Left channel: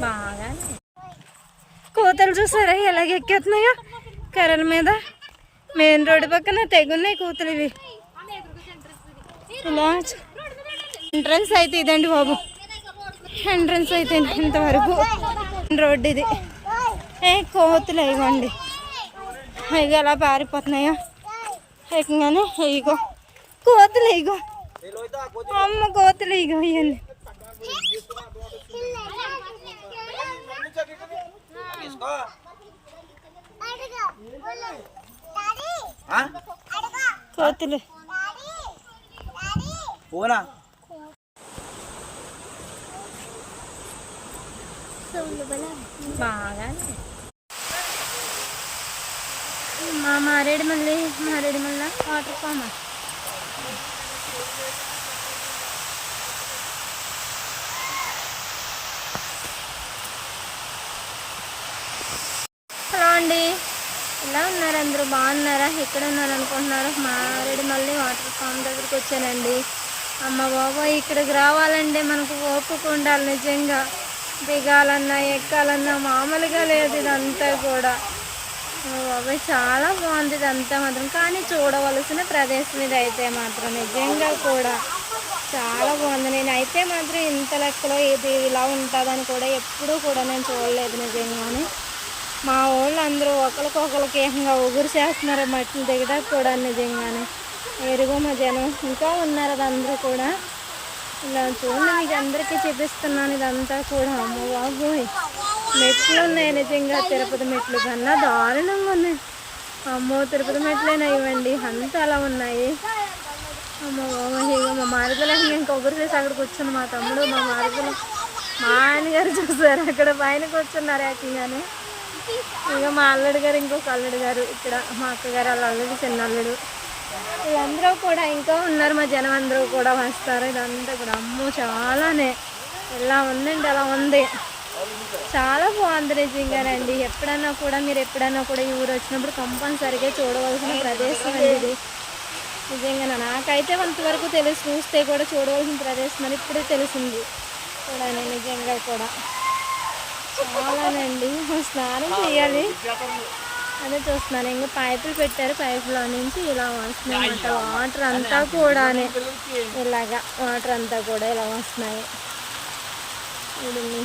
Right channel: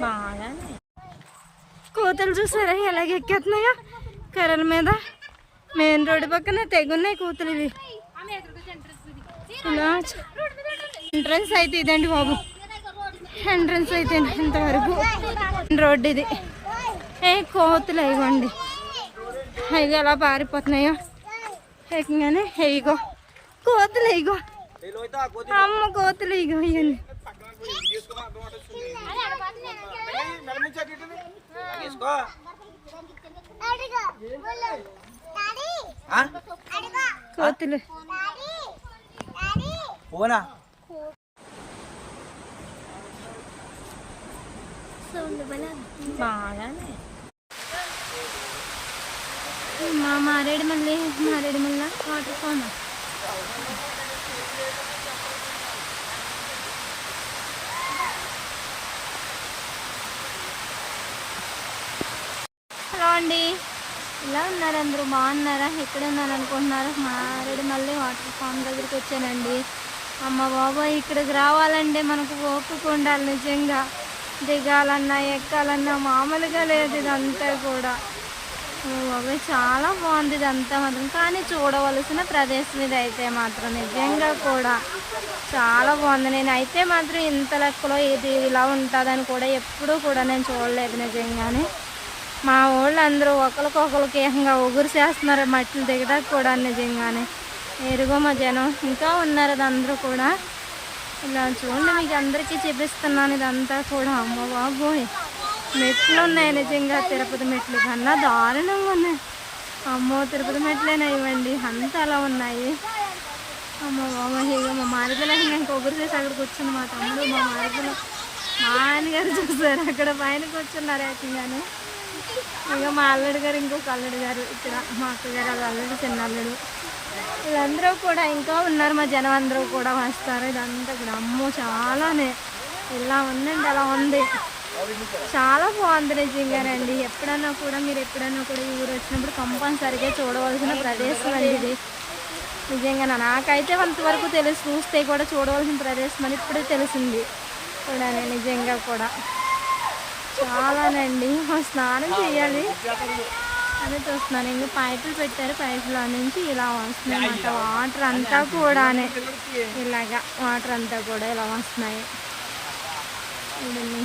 బాగానే కోతలు చూసారా? ఎలాగ ఎక్కేస్తున్నాయో కర్రల మీద. మెయిన్ రోడ్డు పక్కన తెగున్నాయి కూతులు ఇవి. ఇలా ఎంట్రన్స్ అయితే ఇదండి బాబు. ఎంట్రన్స్ అయితే ఇంతవరకు రోడ్డు ఇది. ఏ కోతులు ఇవ్వండి ఇగో ఎలా పారిపోతున్నాయో. ఏకంగానే ఇగో కోతులు ఇగో అమ్మ కోతులు ఇగో ఇవన్నీ కోతులు. పోనా? బాగానే. మా మారేడు మళ్ళీ మారేడు మళ్ళీ వాటర్ ఫామ్ హలో అండి. ఎలా ఉన్నారు అందరూ? బాగున్నారా? ఎక్కడ ఉన్నారు అనుకుంటున్నారు మారేడు మళ్ళీ వాటర్ ఫామ్ దగ్గరికి వచ్చానండి. అమ్మ బాబాయ్ ఇక్కడికి రావాలంటే మనకు ఓపిక ఉండాలి నిజంగా. దిగాలన్నా ఎక్కాలన్నా మామూలుగా లేదు ఇదంతా కూడా. బాబాయ్ చాలా బాగుంది ఇదంతా మాత్రం. కానీ చూడవలసిన ప్రదేశం ఇది అయితే మాత్రం నిజంగా కూడా చాలా బాగుంది. నేను అయితే మాత్రం ఇంత లెక్కలో ఇది ఇలా ఉంటుందని కూడా ఎప్పుడూ కూడా నేను చూడలేదు నిజంగానే. మా వాళ్ళు అందరూ ఒకరికొకరికి ఏకంగా ఉగురు చేస్తున్నారు మట్టిని దిగడానికి కూడా నిజంగానే. ఎరుగో మా జనం. ఇంకా ఉన్నారు అది అందరూ కూడా. ఇలా చూడండి మీకు అందరికీ చూపిస్తున్నాను. ఇదంతా కూడా. అమ్మ బాబోయ్. మెట్లు ఉన్నాయి నిజంగా. తిరుపతి మెట్లు కన్నా దారుణంగా ఉన్నాయి. అమ్మో తిరుపతి మెట్లేనా ఇవ్వండి అంతా అలా ఉన్నాయి. అమ్మ బాబోయ్. ఇక మా మారుదల నేను కొబ్బరి చేసి అక్కడ కూర్చుని మా తమ్ముడు మా మారుదల మా అన్నగారు చూసారు? అక్కడ పైన కూర్చున్నారు ఏకంగానే ఇక మా అల్లుడు గారు ఇంకొక అల్లుడు గారు ఇక్కడ. మా అక్కగారు వాళ్ళ అల్లుడు చిన్న అల్లుడు వీళ్ళందరూ కూడా ఇంకా ఉన్నారు మా జనం అందరూ కూడా వస్తారు. ఇదంతా కూడా అమ్మో చాలానే. ఎలా ఉందండి అలా ఉంది. చాలా బాగుంది నిజంగానండి ఎప్పుడన్నా కూడా మీరు ఎప్పుడన్నా కూడా ఈ ఊరు వచ్చినప్పుడు కంపల్సరిగా చూడవలసిన ప్రదేశం అండి ఇది. నిజంగా నాకైతే అంతవరకు తెలుసు చూస్తే కూడా చూడవలసిన ప్రదేశం అని ఇప్పుడే తెలిసింది. కూడా నిజంగా కూడా. చాలానండి స్నానం చేయాలి. అదే చూస్తున్నాను. ఇంకా పైపులు పెట్టారు. పైపులో నుంచి ఇలా వస్తున్నాయి అన్నమాట. వాటర్ అంతా కూడానే. ఇలాగా వాటర్ అంతా కూడా ఇలా వస్తున్నాయి. చూడండి.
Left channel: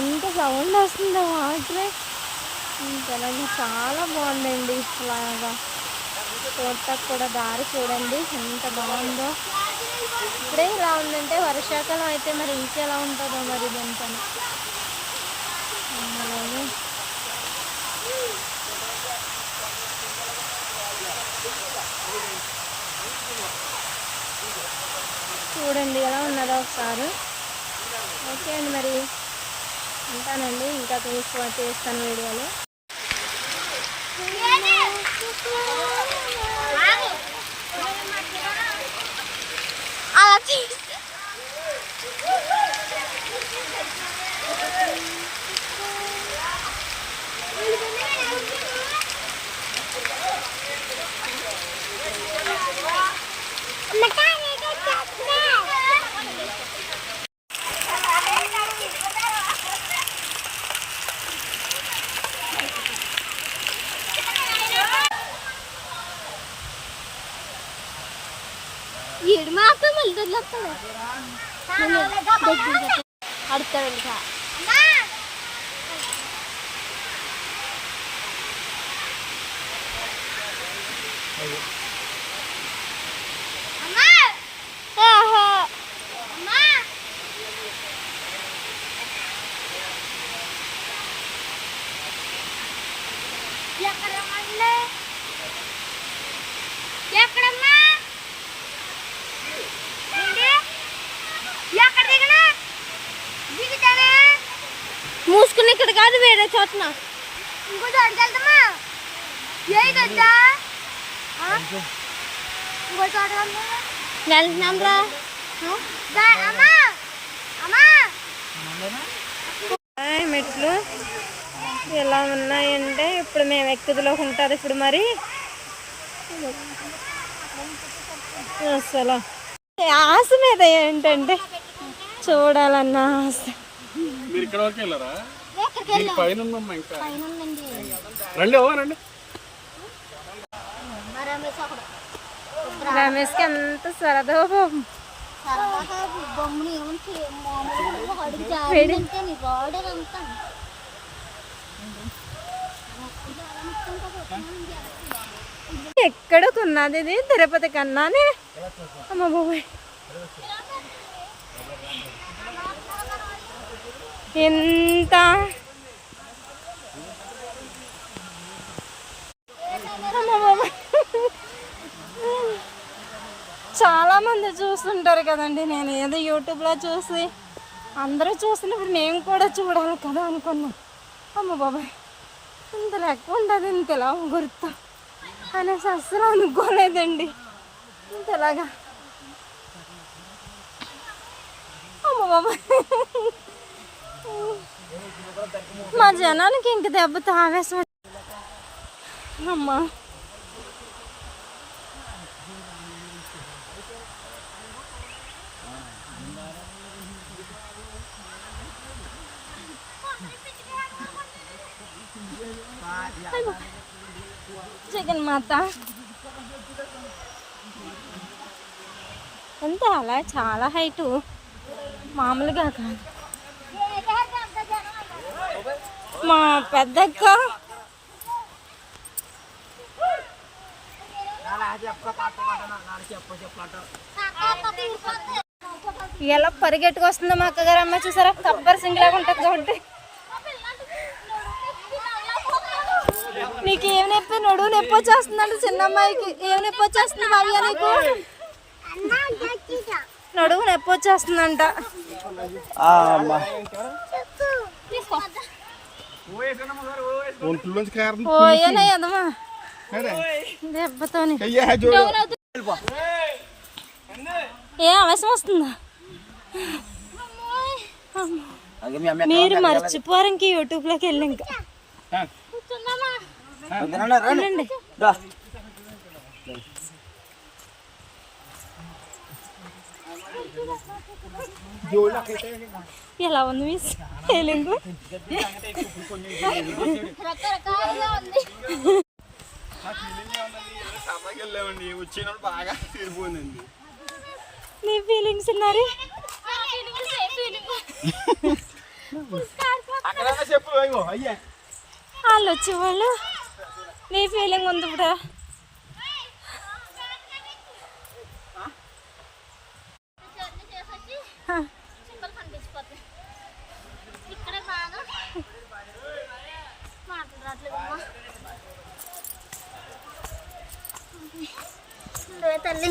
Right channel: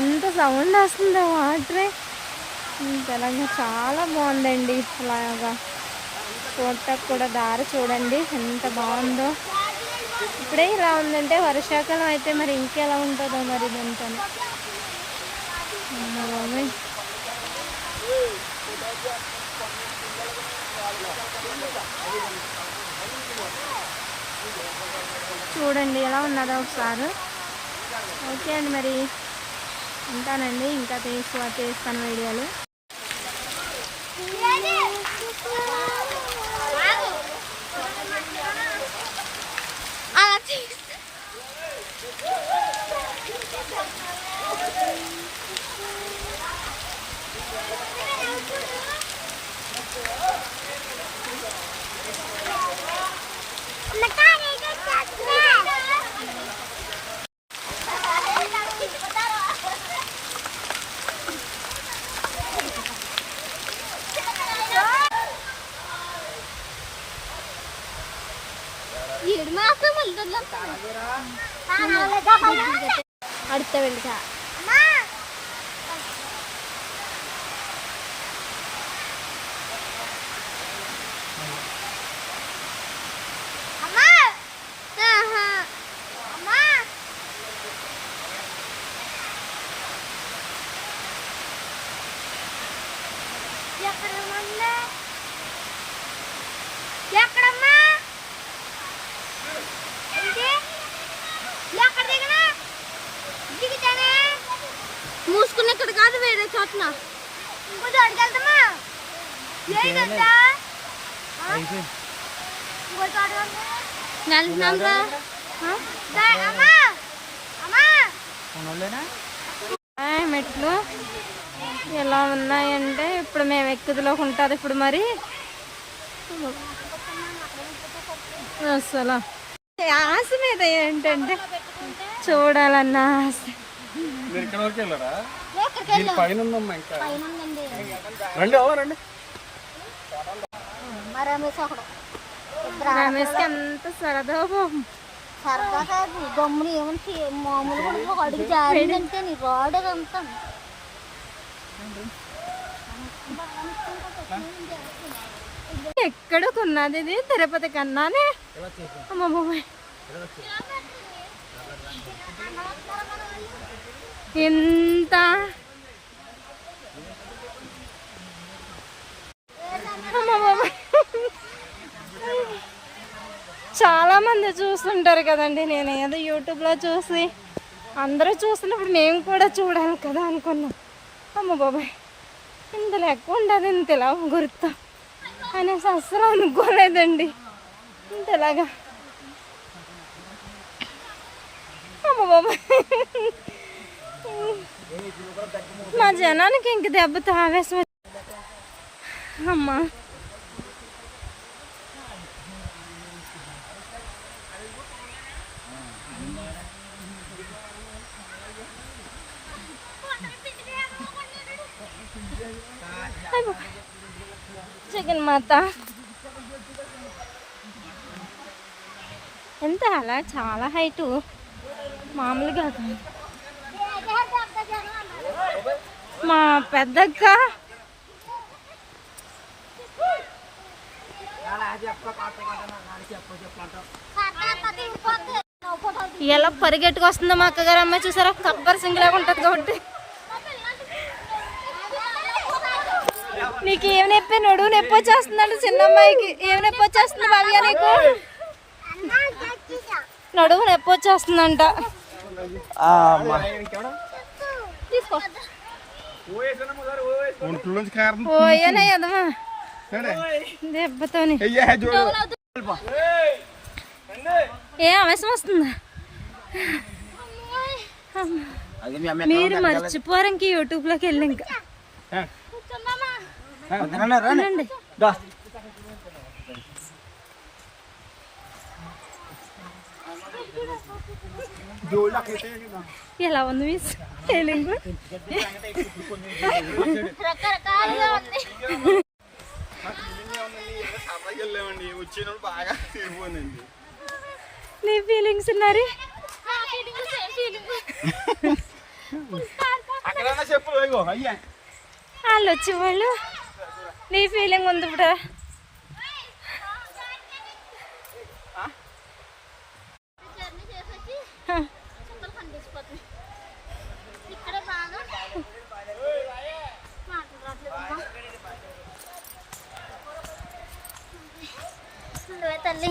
ఎంత సౌండ్ వస్తుందో వాటరే తెలంగాణ చాలా బాగుందండి ఇలాగా. చూడటానికి కూడా దారి చూడండి. ఎంత బాగుందో. ఇప్పుడే ఇలా ఉందంటే వర్షాకాలం అయితే మరి ఇంకెలా ఉంటుందో మరి ఇదంతా అమ్మ బాబోయ్. చూడండి ఎలా ఉన్నదో ఒకసారి. ఓకే అండి మరి. ఉంటానండి ఇంకా తీసు తీస్తాను వీడియోలు. ఈడు మాత్రం వెళ్తాడు ఎక్కడ మూసుకుని ఇక్కడ కాదు వేరే చోటన. వెళ్తున్నాం రా మెట్లు. ఎలా ఉన్నాయంటే ఇప్పుడు మేము ఎక్కుదులోకి ఉంటుంది ఇప్పుడు మరి. అసలు. ఆశ మీద ఏంటంటే చూడాలన్న ఆశ. పైన ఉందమ్మా ఇంకా. పైన ఉందండి రండి అవ్వ రండి. రమేష్ ఒకడు. రమేష్కి ఎంత సరదా పాపం. సరదాగా బొమ్మను ఏమంటే మామూలుగా అడుగు జారిందంటే నీ రోడ్ అంతా? ఎక్కడ కొన్నది ఇది? తిరుపతి కన్నానే? అమ్మ బాబాయ్. ఎంత అమ్మ బాబాయ్ చాలా మంది చూస్తుంటారు కదండి. నేను ఏదో యూట్యూబ్లో చూసి అందరూ చూస్తున్నప్పుడు నేను కూడా చూడాలి కదా అనుకున్నాను అమ్మ బాబాయ్ ఇంత లెక్క ఉండదు ఇంత ఇలా గుర్తు. అనేసి అస్సలు అనుకోలేదండి. ఇంతలాగా. అమ్మ బాబాయ్. మా జనానికి ఇంక దెబ్బతో ఆవేశం అమ్మా. జగన్మాత ఎంత అలా? చాలా హైటు మామూలుగా కాదు. మా పెద్దక్క. ఎలా పరిగెట్టుకు వస్తుందో మా అక్కగారు అమ్మాయి చూసారా? కబ్బర్ సింగ్ లాగా ఉంటుంది కాబట్టి. నీకు ఏం నొప్పి? నడువు నొప్పి వచ్చేస్తుందంట చిన్న అమ్మాయికి ఏం నొప్పి వచ్చేస్తుంది భావ్య నీకు? నడువు నొప్పి వచ్చేస్తుందంట. ఎదమా దెబ్బతోని. చూడు ఏ ఆవేశం వస్తుందా? మీరు మర్చిపోరు ఇంక యూట్యూబ్లోకి వెళ్ళి ఇంకా. ఎలా ఉంది మీ ఫీలింగ్ నీ ఫీలింగ్స్ ఉన్నారు? వాళ్ళు వచ్చేవాళ్ళు? నీ ఫీలింగ్ ఉంది ఇప్పుడు జర్నీ ఇక్కడ బాగా తల్లి.